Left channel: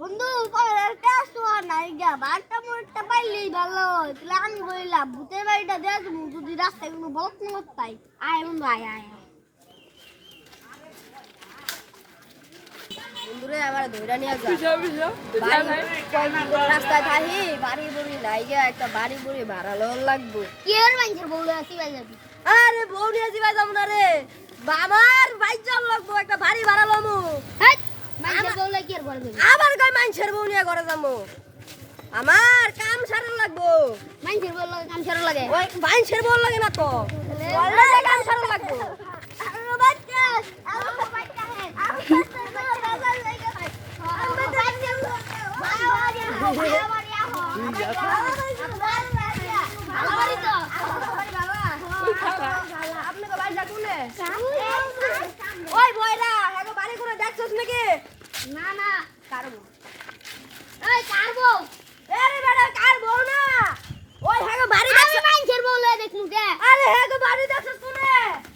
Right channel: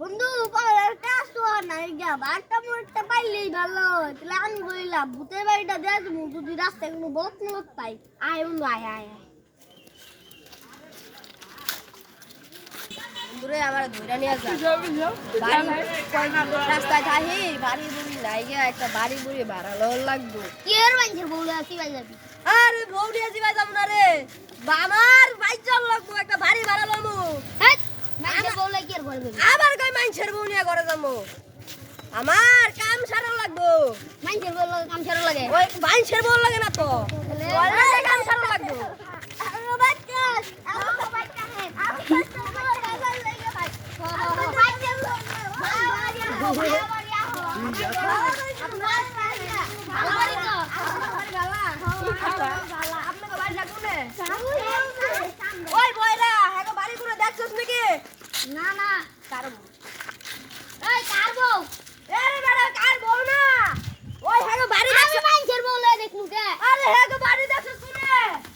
বন্ধু পরের কাজ তো আর নাই গা বারটা মোড়টা পাইলেই ভালো তাহলে আমি বললাম ভূতের বাড়িটা দেয়া তুমি যদি রাস্তায় কোনো বলত মলত পাই আয় বন্ধু আয় আয় আয়। বন্ধুরে আবার ধরে নিয়ে যা রাস্তায় থাকি বাড়ি বুড়ি লাইগা একটা বাড়ি বুড়ি ভাড়া লওয়ার লাগবো কি আর মানুষের বউ আছি ভাই যাবি আরে বউ নিয়ে যাবা যাবো না রে বাবার বাইক চাল লাগবো একটা বাড়ি ভাড়া লমু মানুষের বউ লাগে কি আর করবে আবার কই মানুষের বউ নিয়ে ঘরে যাবো আমার কাম সারা লাগবো মানুষের বউ লাগে কাম সারা লাগে ওই মানুষের বউ লাগে না তো অলরেডি কাম সারা লাগবো আমার বাচ্চা আমার বাচ্চা হ্যাঁ আমার বাচ্চা লাগে ভাই আমার বাচ্চা ওই বয়রা এগো বাড়ি কোনে দেখছস নাকি না না কারবো এই কারবো এরে বেটা কারবো না ওই হেগো বাড়ি দেখছস মানছের বউলে দেখুন কে আরে হেগো বাড়ি দেখছস কোনে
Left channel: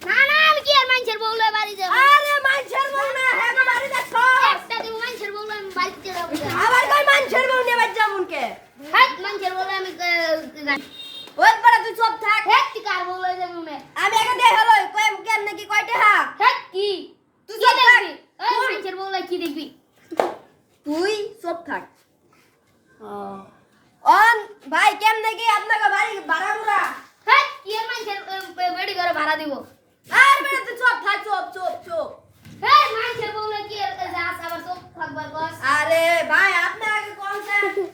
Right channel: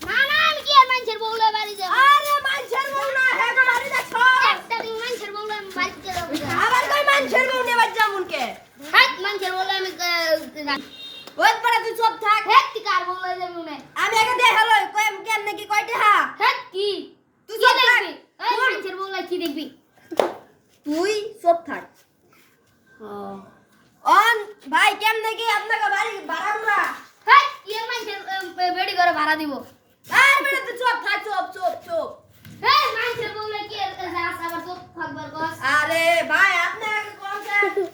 না না আমি কি আর মানছের বউলে বাড়ি যাব আরে মানছের বউ না হেগো বাড়ি দেখছস একটা তুমি মানছের বউলে আমি বাড়ি যাব আবার কই মানছের বউ নিয়ে বাড়ি যামুন কে হাট মানছের বউলে আমি ওই বড় তুই চুপ থাক হেট কি কার বউলে যাবি উনে আমি আগে দেখ হলো কই কেন নাকি কয়টা হা হেট কি তুই চুপ থাক ওই মানছের বউলে কি দেখবি তুই চুপ থাক অন ভাই কেন নাকি আপনাকে বাড়ি ভাড়া মুরা হেট কি আর মানছের বেড়ি করে ভাড়া দিব আর বেড়া তুই চুপ থাক চুপ এই মানছের বউলে কি আর যা আবার চুপ থাকবার কস আরে ভাই আপনি আগে কোন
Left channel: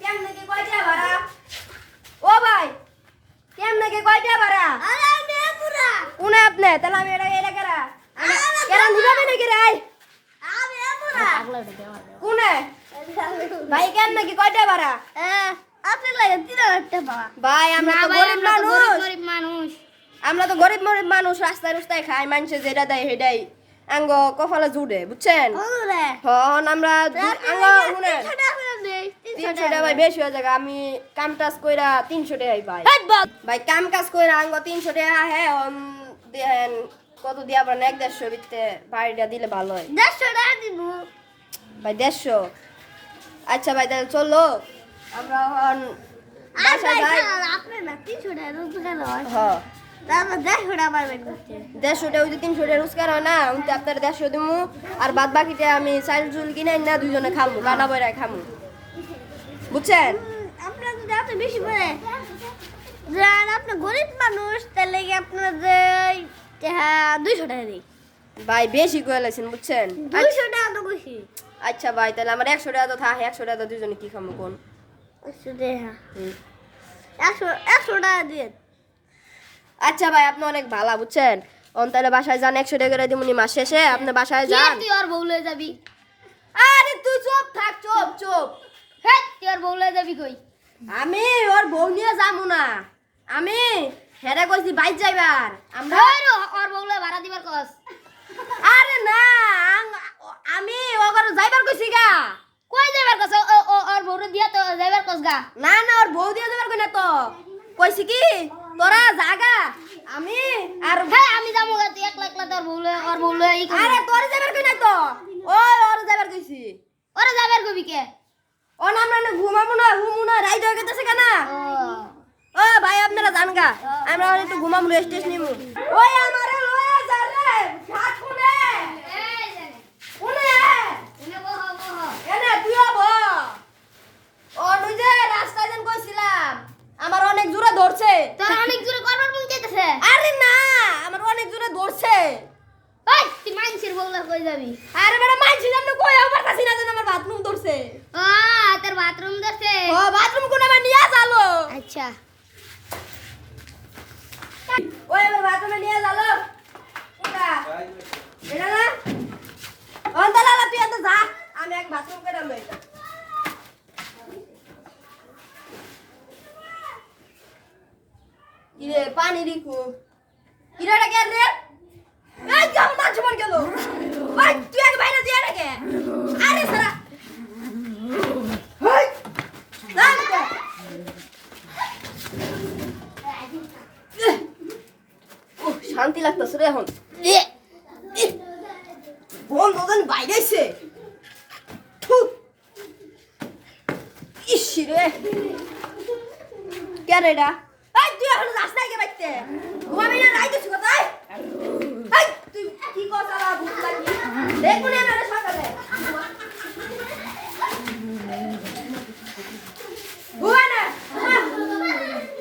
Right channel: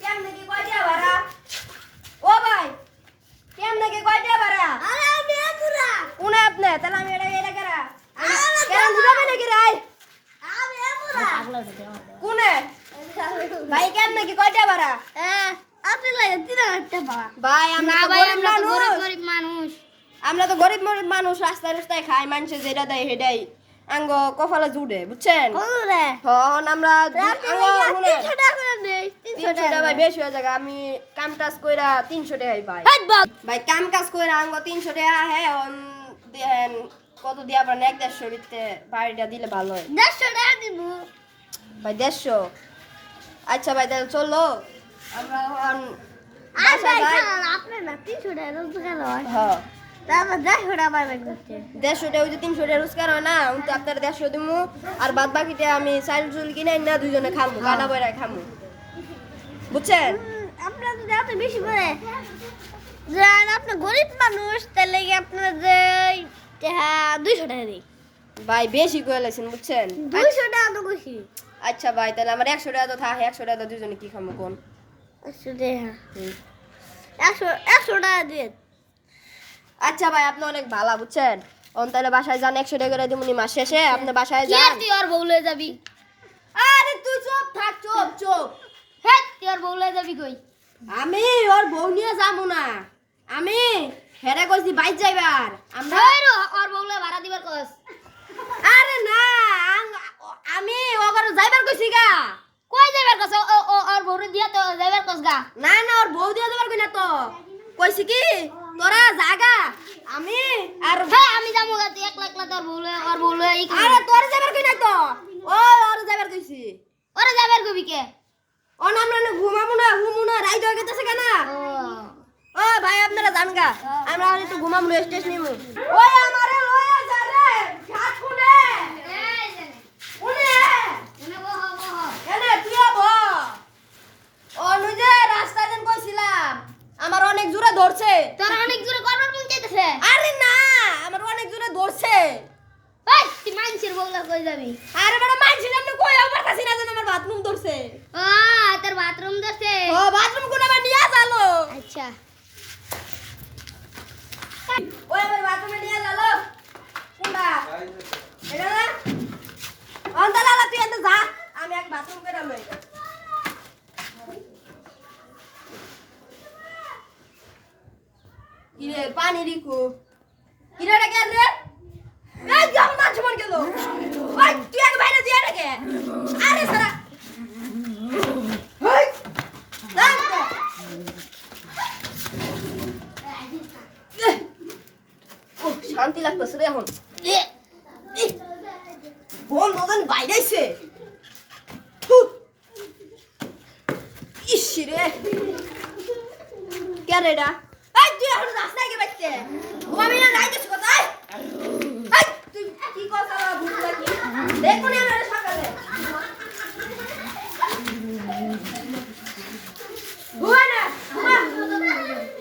কেন নাকি কয়টা ভাড়া ও ভাই কেন নাকি কয়টা ভাড়া আরে আমি পুরা কোনে আপনি তাহলে আমি এটা করা কেন দিবেন নাকি রে আমি পুরা পাগলা উঠে আমার কোনে ভাই কেন নাকি কয়টা ভাড়া আপনি লাগে 3000 টাকা ভাই আমরা তো গরিব মানুষ আমরা তো গরিব মানুষ রাস্তায় খাই মানুষে যেটা দেয় সেটাই আঙ্গ কপালে জুড়ে বুঝছেন হন আমরা আঙ্গ শুনে 300 টাকা ভাই বেশি হয়ে যায় আমি কাম কাজ কইরা 300 টাকাই পাই ভাই কাম কাজ কইরা আঙ্গ 300 টাকা হ্যাঁ দেন কত দিয়া পারেন 150 ভিতরে বাড়িটা দিলে ভালো হয় 150 টাকা দিব ভাই 150 আচ্ছা ভাই তাহলে চলো আমরা বাসা যাই আপনি না 300 টাকা রোজগার হয় হ্যাঁ তারপর 150 টাকা পাবেন করতে 150 টাকা ওই 300 টাকা রোজগার হয় না উনতে আপনার 150 দিমু আর বাদ বাকিটা আমি চাল চুল কিনে না দুইজনে খামু কানা বইরা খামু বুঝছেন আপনারা তো এত বেশি করে জান আপনি গরিব মানুষ তাহলে কি আপনারা যে 200 টাকা দেই ভাই বেশি কইলা লাইছেন বুঝছেন 200 টাকা তো বেশি আচ্ছা ভাই তাহলে আমার 100 টাকা তো থাকে 100 টাকা দুইজনে কি খামু কোন 100 টাকা 100 টাকা দিয়ে আচ্ছা ভাই আপনি অনেক ভালো বুঝছেন অন তাহলে বাসায় যান 100 টাকা করে দিমুনি মাস শেষে আপনি বাসায় যান তুই আর বউলে যাবি আরে তুই চুপ থাক চুপ হেট তুই আর বউলে যাবি কই আমি ওর বউ নিয়ে যামু না আমি হেরে কইছি বাইক যাইবার আমরা ওর বউলে ভাড়া দিবার কস আরে না আমি ওগর যাইবার কইছি গা কই যাইবার কস ওর বউরে দিয়া তো যাইবার কস গা না ওর বউ দিয়া যাইবার কই না তো কইছি কি তোরা জাগা আমি আর ভাই আমি যামু গা তুই একলা তোর বউলে আরে তোর যাইবার কই না তো ওর যাইবার কইছি ওরে যাইবার কইবি কে ও না আমরা ঘুমামু না রাইড হয়ে গেছে কেন ও ভাই আপনারা জান গা আমরা একটু ঘুমামু রেস্ট নিমু ওই আমারে লয়ে যা রে সাত কোনে এই জানে কোনে বহ এনে তুই বহ ও নই যে রাস্তায় যেন কইছিলাম আমার অনেক জোরে ধরছে তোর অনেক জোরে করবার মন চাইতেছে আরে না আমার অনেক জোরে ধরছে এই তুই মানছির বউলা কই যাবি আরে বড় মানছির না কই আমার কাছে না জান আমার বাথরুম ধরছে তোর বাথরুম ধরছে ও বাথরুম কোন আমার নিয়া যালো আচ্ছা ওই বাথরুমে নিয়া যালো কোনটা এটা না অন্ত লালা তুই এত যা আমি এক বাথরুম করে লই কিরে পানি রিকু কিরাটা কেন রে এই যাও না জমন গেল ওই তুই আগে বাইরে দিয়ে রেখে আরে সারা ওই দাঁড়া ও শান্তি লাগতেছে রে এখন বল দোকান বাইরে আইছে রে কে রে এটা এই তুই এখন যাস না কে বাইতে ঘুমাবি না নাই কিছু কথা এই তুই কি কথা লা ভূত লাগি দেখো না আমার সকালে ঘুমা না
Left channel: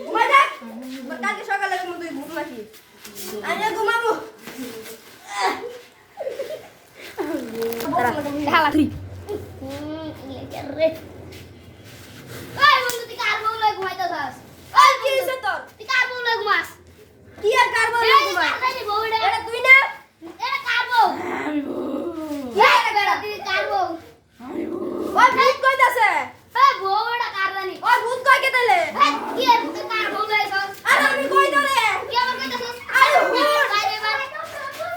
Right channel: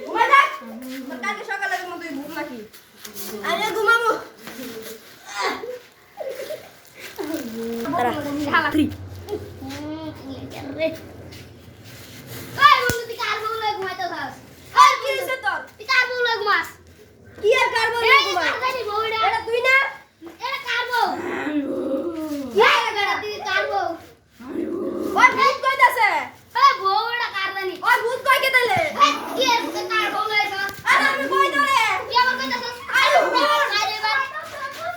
ঘুমা যা কালকে সকালে তুমি তুই ভূত নাকি আরে ঘুমাবো তারা শালা তুই রে এই বন্ধু তুই কার বউলে ঘুমাইতাছস এই কি হইছে তোর তুই কার বউলে ঘুমাস কি আর কার বউলে ঘুমাস এই বউটা এটা তুই না এটা কার বউ এই গড়া তুই কার বউ ওই ভূত কইতাছে এই বউটা কার জানি ওই ভূত কই কে দিলে এই কি আর কার বউলে তোর আরে আমি কই দরে কি আমার কইতাছস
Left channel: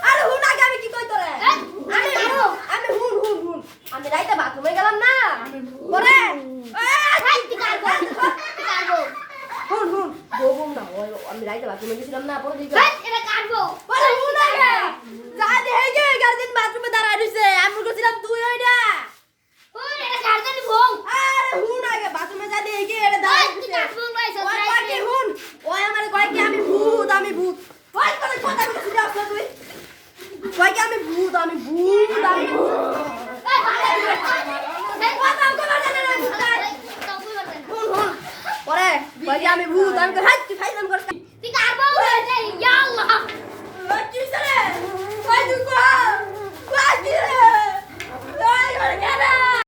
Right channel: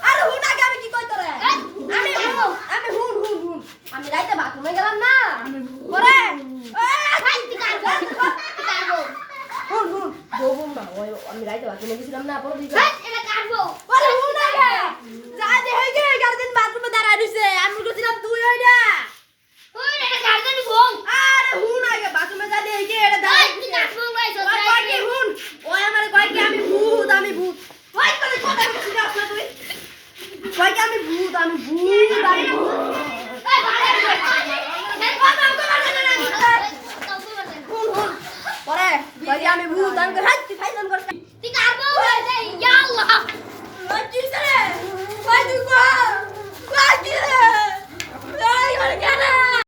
আরে হুন আগে আমি কি কই তোরে আমি হুন আমি রাইতে বাথরুমে গেলাম না পরে হুন বউম না ওই আমি রাইতে বাথরুমে গেছিলাম না পরে দিকে এটা কাটবো পরে হুন আগে যা দে হেগে গার্ডেন বাথরুমে দাঁড়া রইছে আমি গেছিলাম তুই ওইটা ওই এটা গার্ডেন বউ আরে হুন আগে বাথরুমে যা দে হেগে এটা দাঁড়া তুই কাটবো ভাই সত্যি হুন ওই আমার কয় কি আমি ভূত ওই করে কথা বলছিস আপনি তুই কয় কি আমি ভূত এই পরে কয় কি আমি ভূত আমি হাত খাইছেন করতে তুই কার বউ ইয়া আল্লাহ